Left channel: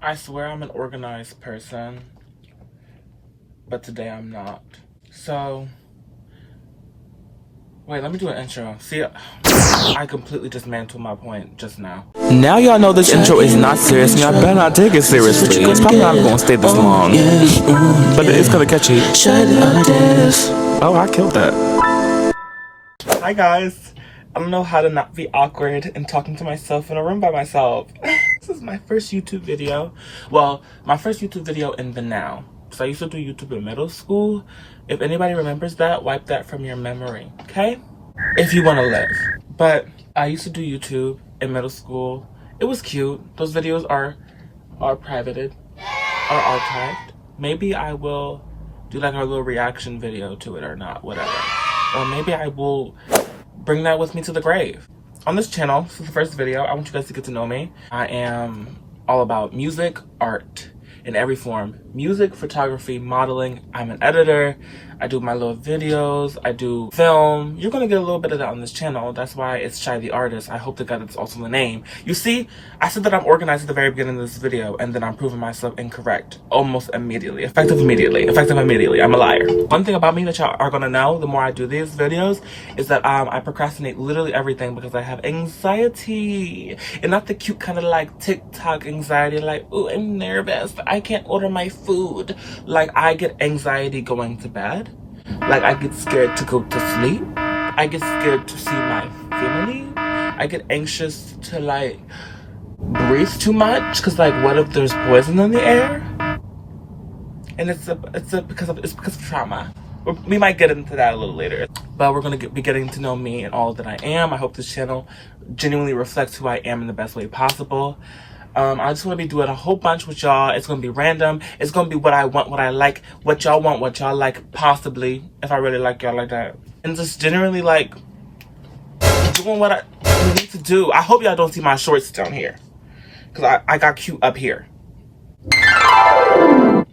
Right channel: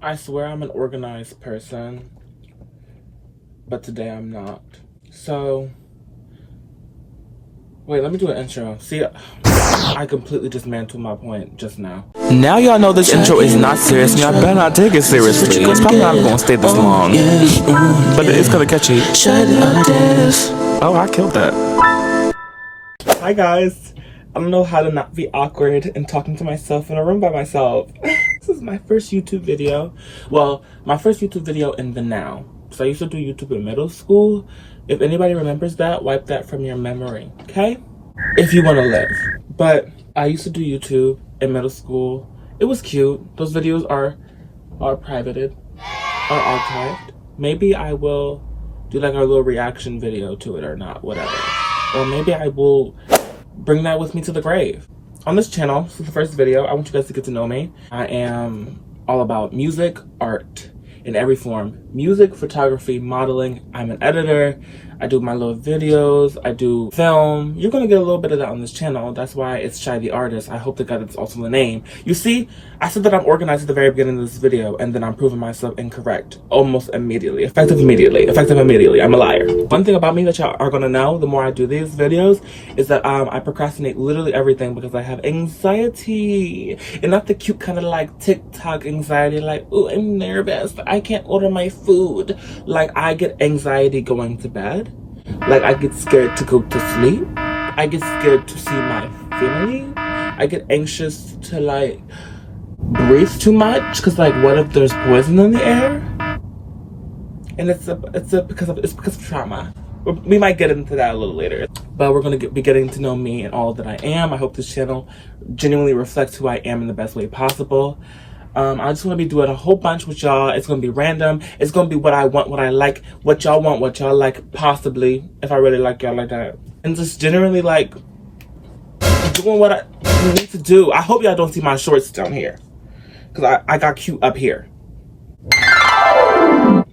I swear I'm an organized person, but today I'm not. So, wait, let me do an intro. See, I completely dismantled my point just now. Now y'all know this intro is not serious and y'all better not take it seriously. It's probably not gonna stay this long, but it's gonna catch you. Oh, I killed that. Hi guys. I don't know how to not be awkward and talking to myself in a room by myself. This is my first YouTube video. Well, my first YouTube video in the now. So I used to do YouTube in middle school. If anybody remembers that, wipe that from your memory, okay? If you want to live. But I used to do YouTube in middle school. It was cute. Those videos are privated, are archived. Maybe I will do like a little reaction video to it or not, whatever. Or maybe I will bring that with me to the grave. On this channel, this is the first video, I want you guys to get to know me. I am all about music, art, in every form. Music, photography, modeling. I'm an editor. I do my little videos. I do film. You're gonna get a little bit of that on this channel. That's why it's Shai the artist. I hope to God it's also the name. You see, I said that I'm organized at the very beginning of this video, and then I'm proving myself incorrect almost immediately. Effective immediately. I'm a liar. One thing about me that y'all are gonna know the more I do these videos is that I procrastinate literally everything because I have anxiety. And not the cute kind of like TikTok anxiety, like, ooh, I'm nervous. I can't order my food. Like, I get anxiety going to bed. Like, I get scared to go to sleep. I get scared to see my family. I get anxious to like breathe too much because like, what if there's poison in the air? And it's because of trauma. We might get into that a little later, but we're gonna be getting to know me and all that I am. I hope this channel genuinely reflects who I am in the best way possible. I just want to be doing a whole bunch with y'all. It's going to be random. It's going to be what I want, what I like, what y'all want, what y'all like, possibly, if I really like y'all like that. And just generally, like, doing what I need to do. I hope y'all don't see my shorts down here, because I got cute up here. I'm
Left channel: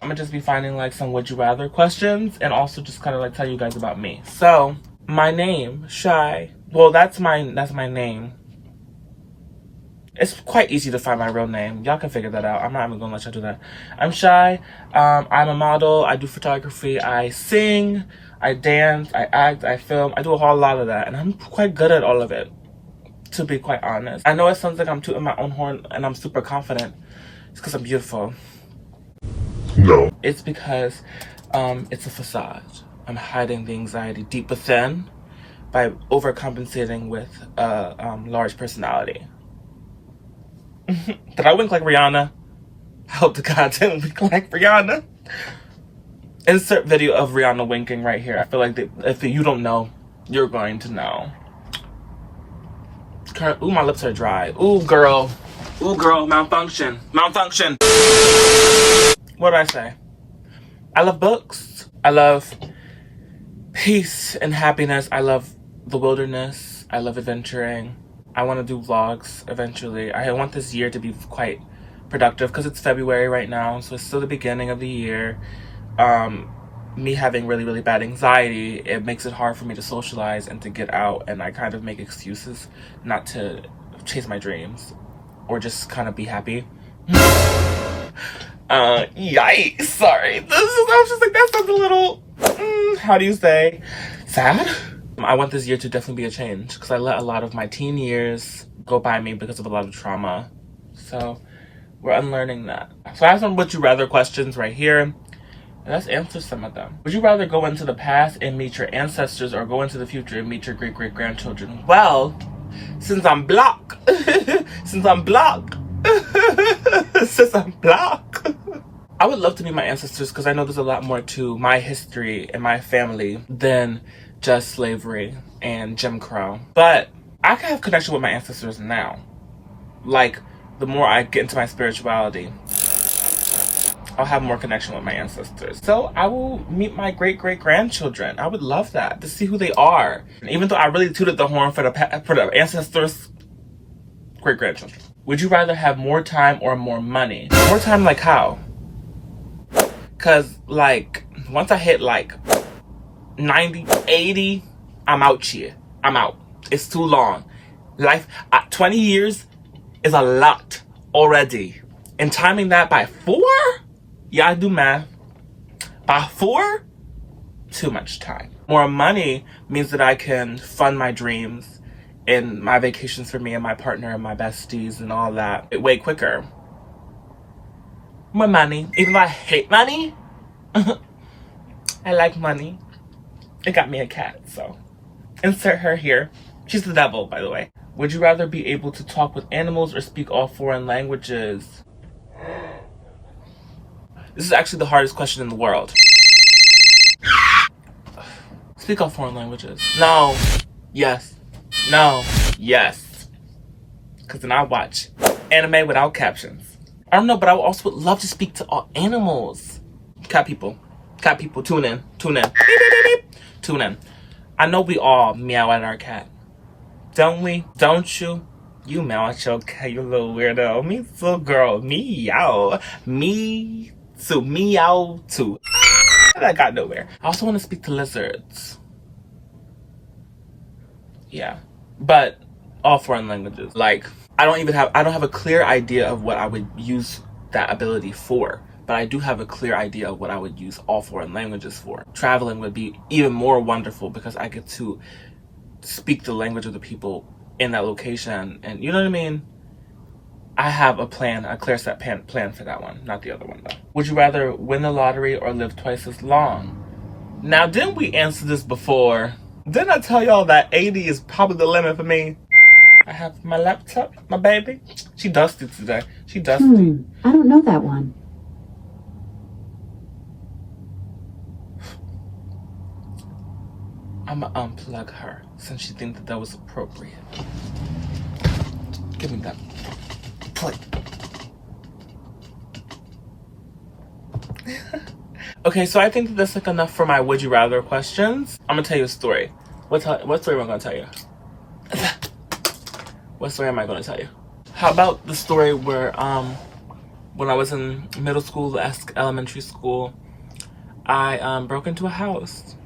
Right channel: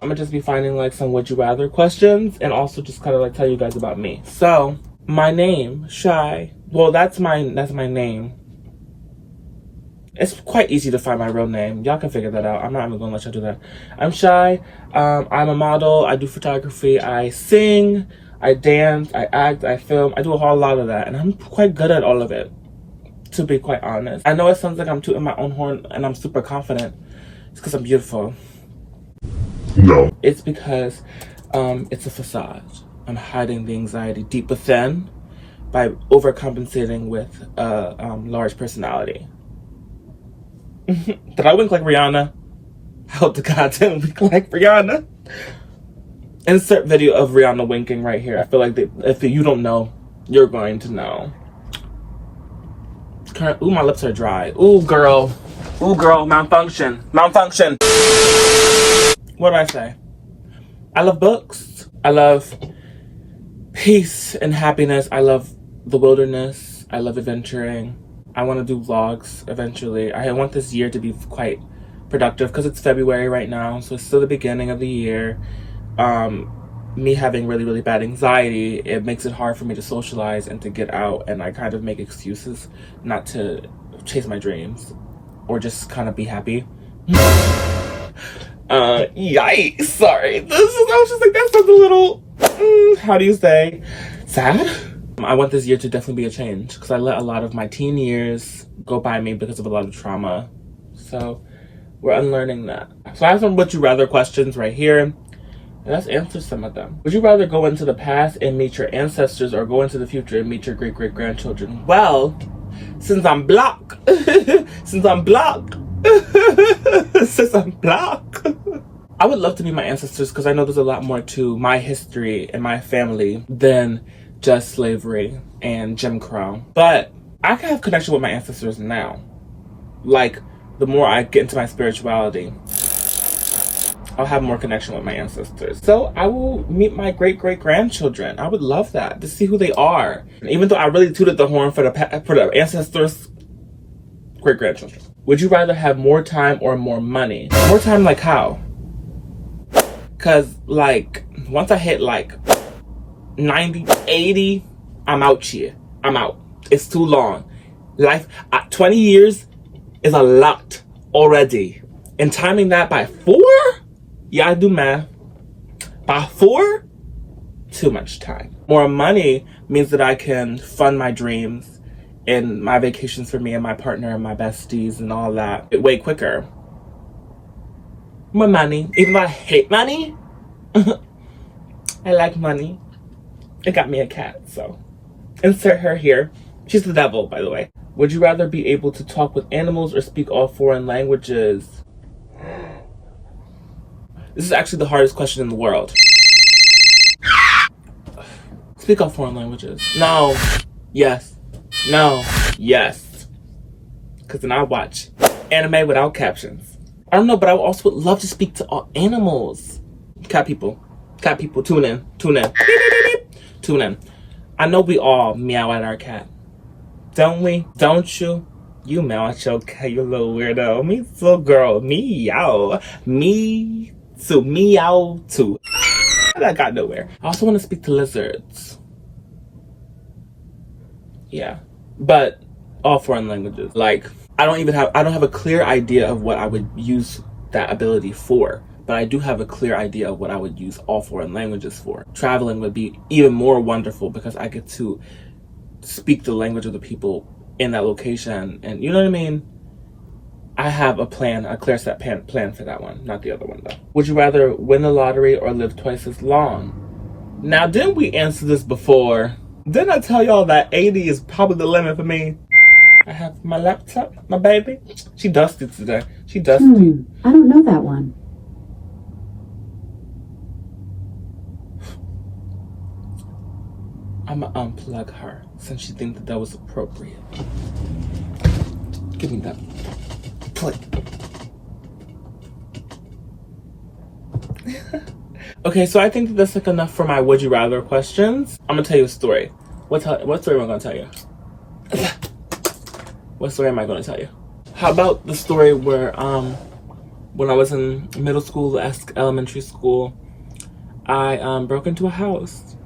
going to just be finding, like, some would you rather questions, and also just kind of, like, tell you guys about me. So, my name, Shai. Well, that's my name. It's quite easy to find my real name. Y'all can figure that out. I'm not even gonna let y'all do that. I'm Shai. I'm a model. I do photography. I sing. I dance. I act. I film. I do a whole lot of that. And I'm quite good at all of it, to be quite honest. I know it sounds like I'm tooting my own horn and I'm super confident. It's because I'm beautiful. No. It's because it's a facade. I'm hiding the anxiety deep within by overcompensating with a large personality. Did I wink like Rihanna? I hope to God didn't wink like Rihanna. Insert video of Rihanna winking right here. I feel like if you don't know, you're going to know. Ooh, my lips are dry. Ooh, girl. Ooh, girl, malfunction. Malfunction. What did I say? I love books. I love peace and happiness. I love the wilderness. I love adventuring. I want to do vlogs eventually. I want this year to be quite productive because it's February right now, so it's still the beginning of the year. Me having really, really bad anxiety, it makes it hard for me to socialize and to get out, and I kind of make excuses not to chase my dreams or just kind of be happy. Yikes, sorry. I was just like, that sounds a little, how do you say, sad? I want this year to definitely be a change because I let a lot of my teen years go by me because of a lot of trauma. So we're unlearning that. So I have some would you rather questions right here. And let's answer some of them. Would you rather go into the past and meet your ancestors or go into the future and meet your great-great-grandchildren? Well, since I'm black, since I'm black, I would love to meet my ancestors because I know there's a lot more to my history and my family than just slavery and Jim Crow. But I can have connection with my ancestors now. Like, the more I get into my spirituality, I'll have more connection with my ancestors. So I will meet my great-great-grandchildren. I would love that, to see who they are. And even though I really tooted the horn for the ancestors, great-grandchildren. Would you rather have more time or more money? More time, like how? Because, like, once I hit, like, 90, 80, I'm out here. I'm out. It's too long. Life, 20 years is a lot already. And timing that by 4? Yeah, I do math. By 4? Too much time. More money means that I can fund my dreams and my vacations for me and my partner and my besties and all that way quicker. More money. Even though I hate money, I like money. It got me a cat, so insert her here. She's the devil, by the way. Would you rather be able to talk with animals or speak all foreign languages? This is actually the hardest question in the world. Speak all foreign languages. No. Yes. No. Yes. Because then I watch anime without captions. I don't know, but I also would love to speak to all animals. Cat people, tune in. Tune in. I know we all meow at our cat. Don't we? Don't you? You meow at your cat, you little weirdo. Me too, girl. Meow. Me too. Meow too. That got nowhere. I also want to speak to lizards. Yeah. But all foreign languages. Like, I don't have a clear idea of what I would use that ability for. But I do have a clear idea of what I would use all foreign languages for. Traveling would be even more wonderful because I get to speak the language of the people in that location. And you know what I mean? I have a plan, a clear set plan for that one, not the other one though. Would you rather win the lottery or live twice as long? Now, didn't we answer this before? Didn't I tell y'all that 80 is probably the limit for me? I have my laptop, my baby. She dusted today. She dusted. I don't know that one. I'ma unplug her since she thinks that was appropriate. Give me that plate. Okay, so I think that that's like enough for my would you rather questions. I'm gonna tell you a story. What story am I gonna tell you? What story am I gonna tell you? How about the story where when I was in middle school, elementary school, I broke into a house.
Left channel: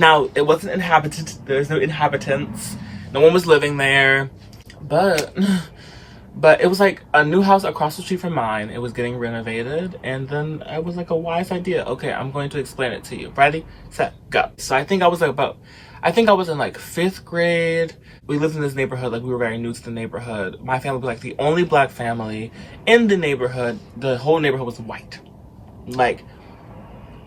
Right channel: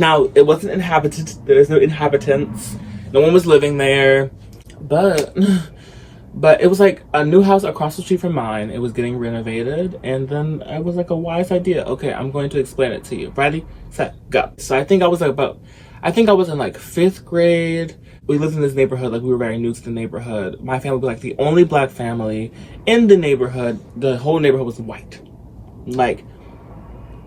Now, it wasn't inhabited. There was no inhabitants. No one was living there. But it was like a new house across the street from mine. It was getting renovated. And then it was like a wise idea. Okay, I'm going to explain it to you. Ready, set, go. So I think I was in like 5th grade. We lived in this neighborhood. Like, we were very new to the neighborhood. My family was like the only black family in the neighborhood. The whole neighborhood was white. Like,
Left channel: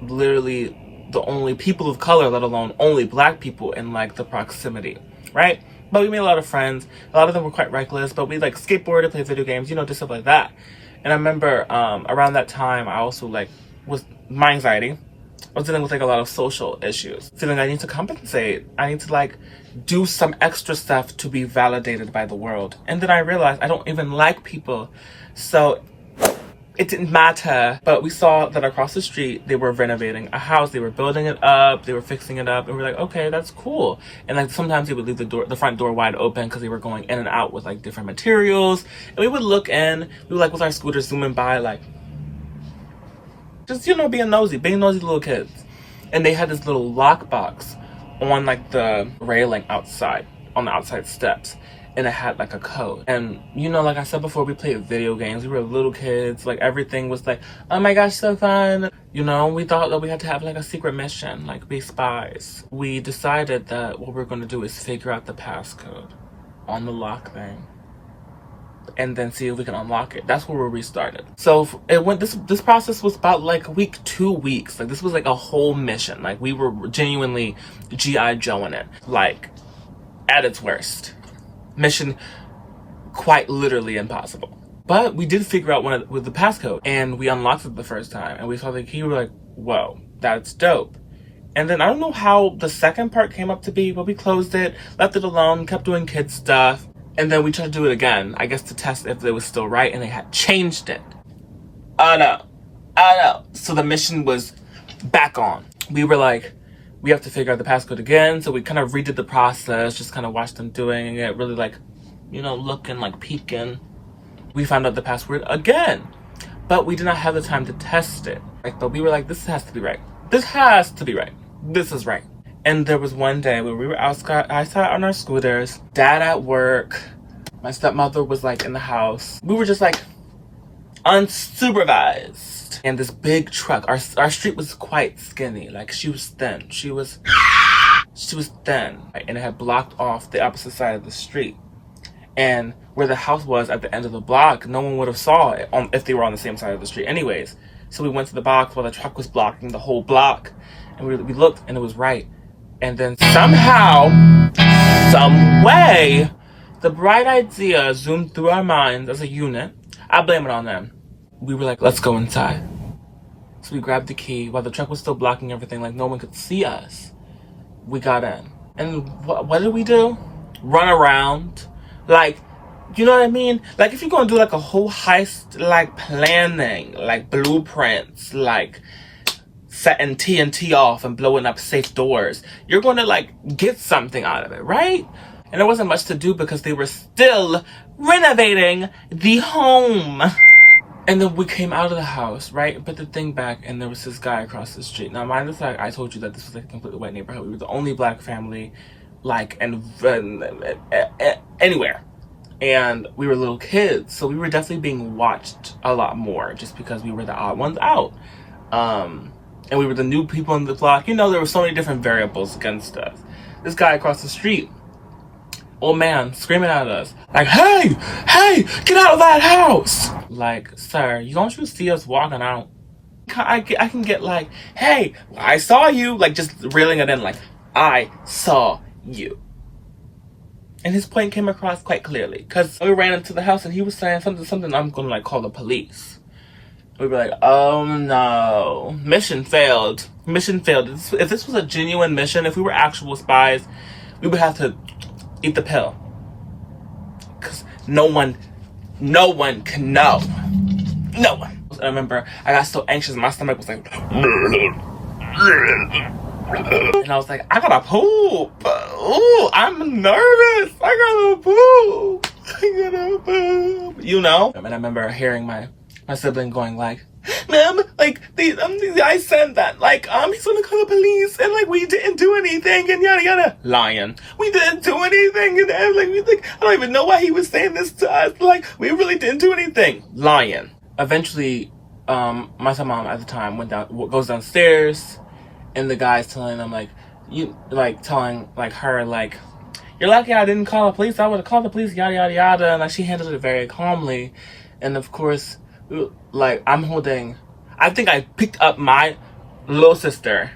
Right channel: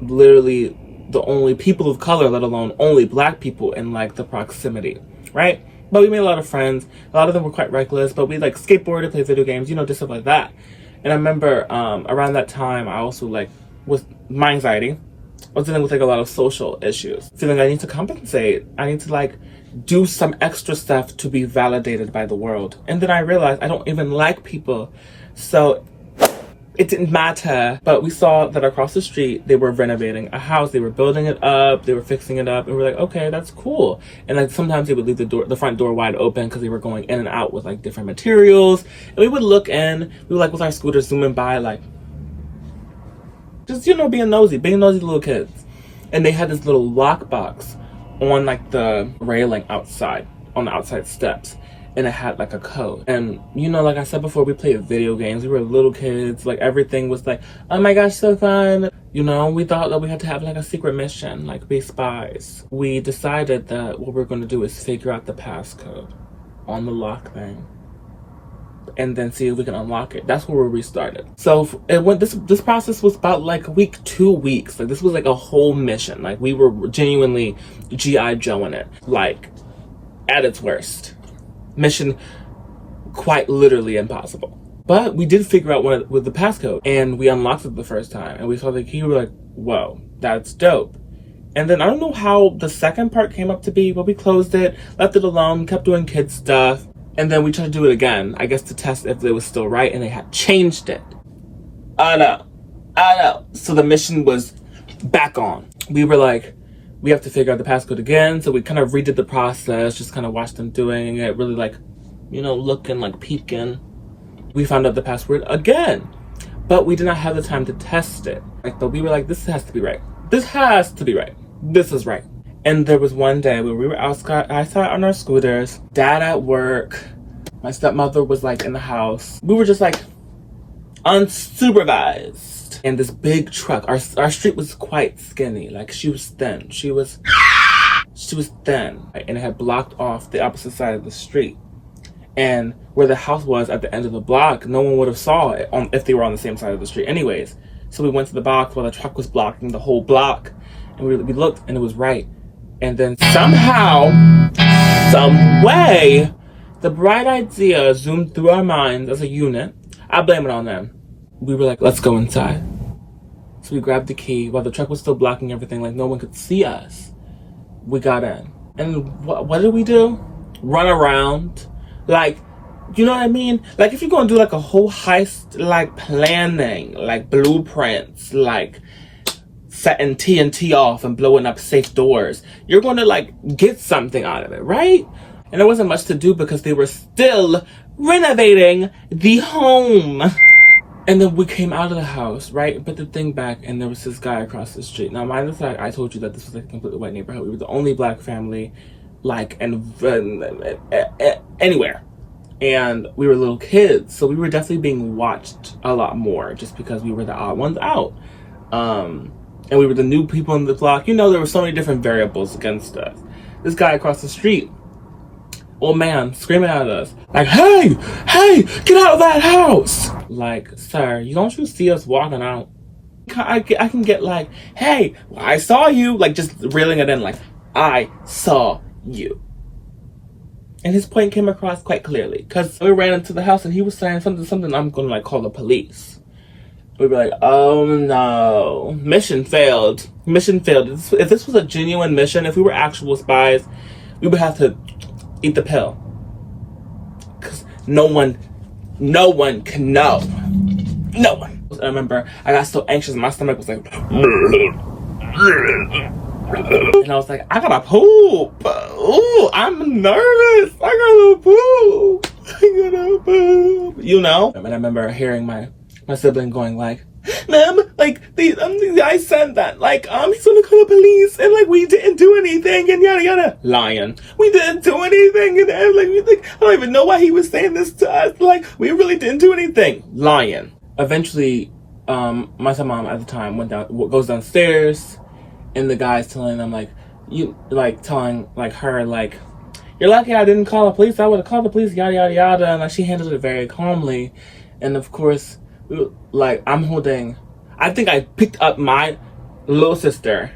literally the only people of color, let alone only black people in like the proximity, right? But we made a lot of friends. A lot of them were quite reckless, but we like skateboarded, played video games, you know, just stuff like that. And I remember around that time, I also like was my anxiety. I was dealing with like a lot of social issues, feeling I need to compensate. I need to like do some extra stuff to be validated by the world. And then I realized I don't even like people, so it didn't matter. But we saw that across the street, they were renovating a house. They were building it up. They were fixing it up. And we were like, okay, that's cool. And like sometimes they would leave the front door wide open because they were going in and out with like different materials. And we would look in. We were like with our scooters zooming by, like just, you know, being nosy little kids. And they had this little lockbox on like the railing outside, on the outside steps. And it had like a code. And you know, like I said before, we played video games. We were little kids. Like everything was like, oh my gosh, so fun. You know, we thought that we had to have like a secret mission, like be spies. We decided that what we're gonna do is figure out the passcode on the lock thing and then see if we can unlock it. That's where we restarted. So it went, this process was about like a week, 2 weeks. Like this was like a whole mission. Like we were genuinely G.I. Joeing it, like at its worst. Mission quite literally impossible. But we did figure out with the passcode, and we unlocked it the first time, and we saw the key. We were like, whoa, that's dope. And then I don't know how the second part came up to be, but we closed it, left it alone, kept doing kid stuff, and then we tried to do it again, I guess to test if it was still right, and they had changed it. Oh no. So the mission was back on. We were like, we have to figure out the passcode again. So we kind of redid the process, just kind of watched them doing it, really like, you know, looking, like peeking. We found out the password again, but we did not have the time to test it. Like, but we were like, this has to be right. This has to be right. This is right. And there was one day when we were outside on our scooters, dad at work, my stepmother was like in the house. We were just like unsupervised. And this big truck, our street was quite skinny. Like, she was thin. She was thin. And it had blocked off the opposite side of the street. And where the house was at the end of the block, no one would have saw it if they were on the same side of the street anyways. So we went to the box while the truck was blocking the whole block. And we looked, and it was right. And then somehow, some way, the bright idea zoomed through our minds as a unit. I blame it on them. We were like, let's go inside. So we grabbed the key while the truck was still blocking everything, like no one could see us. We got in. And what did we do? Run around. Like, you know what I mean? Like, if you're gonna do like a whole heist, like planning, like blueprints, like setting TNT off and blowing up safe doors, you're gonna like get something out of it, right? And there wasn't much to do because they were still renovating the home. And then we came out of the house, right? Put the thing back, and there was this guy across the street. Now, mind the fact, I told you that this was like a completely white neighborhood. We were the only black family, like, anywhere. And we were little kids, so we were definitely being watched a lot more just because we were the odd ones out. And we were the new people in the block. You know, there were so many different variables against us. This guy across the street, old man, screaming at us, like, hey, get out of that house. Like, sir, don't you see us walking out? I can get like, hey, I saw you. Like, just reeling it in, like, I saw you. And his point came across quite clearly. Because we ran into the house and he was saying something, I'm going to, like, call the police. We were like, oh no, mission failed. Mission failed. If this was a genuine mission, if we were actual spies, we would have to eat the pill. Because no one can know. No one. I remember I got so anxious, my stomach was like, and I was like, I gotta poop. Ooh, I'm nervous. I gotta poop. You know? And I remember hearing my sibling going like, ma'am, like, the guy said that, like, he's gonna call the police, and, like, we didn't do anything, and yada yada. Lying. We didn't do anything, and, like, I don't even know why he was saying this to us. Like, we really didn't do anything. Lying. Eventually, my stepmom at the time goes downstairs, and the guy's telling them, like, telling her, like, you're lucky I didn't call the police. I would have called the police, yada yada yada. And, like, she handled it very calmly, and of course, like, I think I picked up my little sister,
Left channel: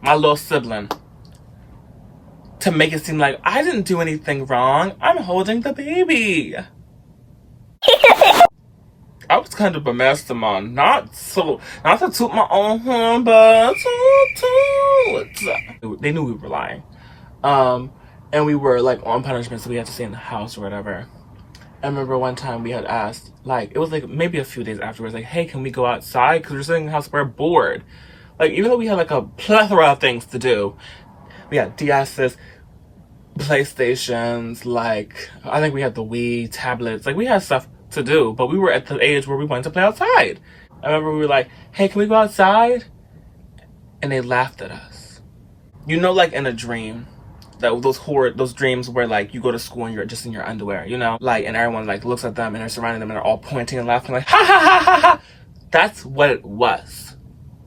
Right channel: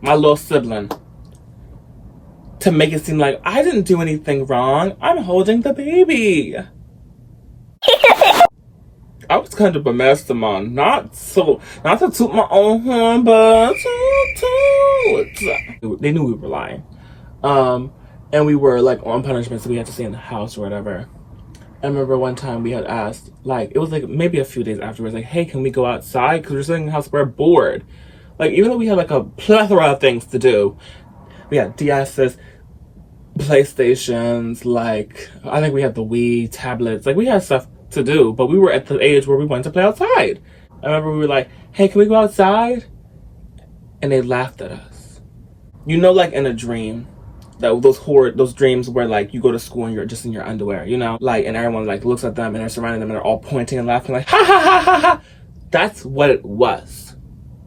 my little sibling, to make it seem like I didn't do anything wrong. I'm holding the baby. I was kind of a mastermind, not to toot my own horn, but they knew we were lying. And we were, like, on punishment, so we had to stay in the house or whatever. I remember one time we had asked, like, it was like maybe a few days afterwards, like, hey, can we go outside? Because we're sitting in the house, we're bored. Like, even though we had like a plethora of things to do, we had DS's, PlayStations, like, I think we had the Wii, tablets, like, we had stuff to do, but we were at the age where we wanted to play outside. I remember we were like, hey, can we go outside? And they laughed at us. You know, like in a dream, those dreams where, like, you go to school and you're just in your underwear, you know, like, and everyone, like, looks at them and they're surrounding them and they're all pointing and laughing, like, ha ha ha ha ha. That's what it was.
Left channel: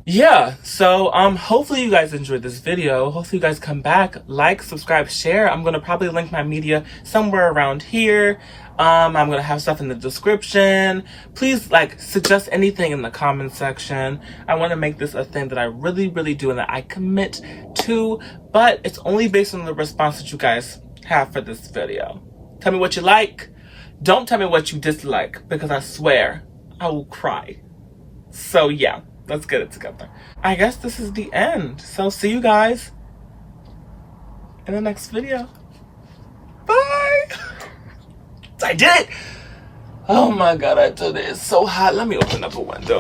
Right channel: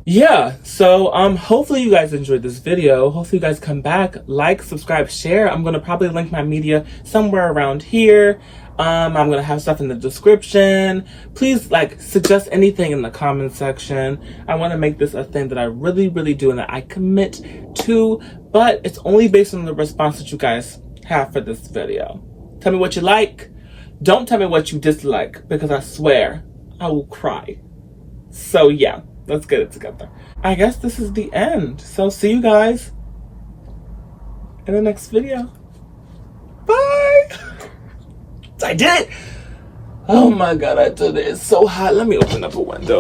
Yeah, so hopefully you guys enjoyed this video. Hopefully you guys come back, like, subscribe, share. I'm gonna probably link my media somewhere around here. I'm gonna have stuff in the description. Please, like, suggest anything in the comment section. I want to make this a thing that I really, really do and that I commit to, but it's only based on the response that you guys have for this video. Tell me what you like. Don't tell me what you dislike, because I swear I will cry. So yeah, let's get it together. I guess this is the end. So see you guys in the next video. Bye. I did it! Oh my god, I did it. It's so hot. Let me open up a window.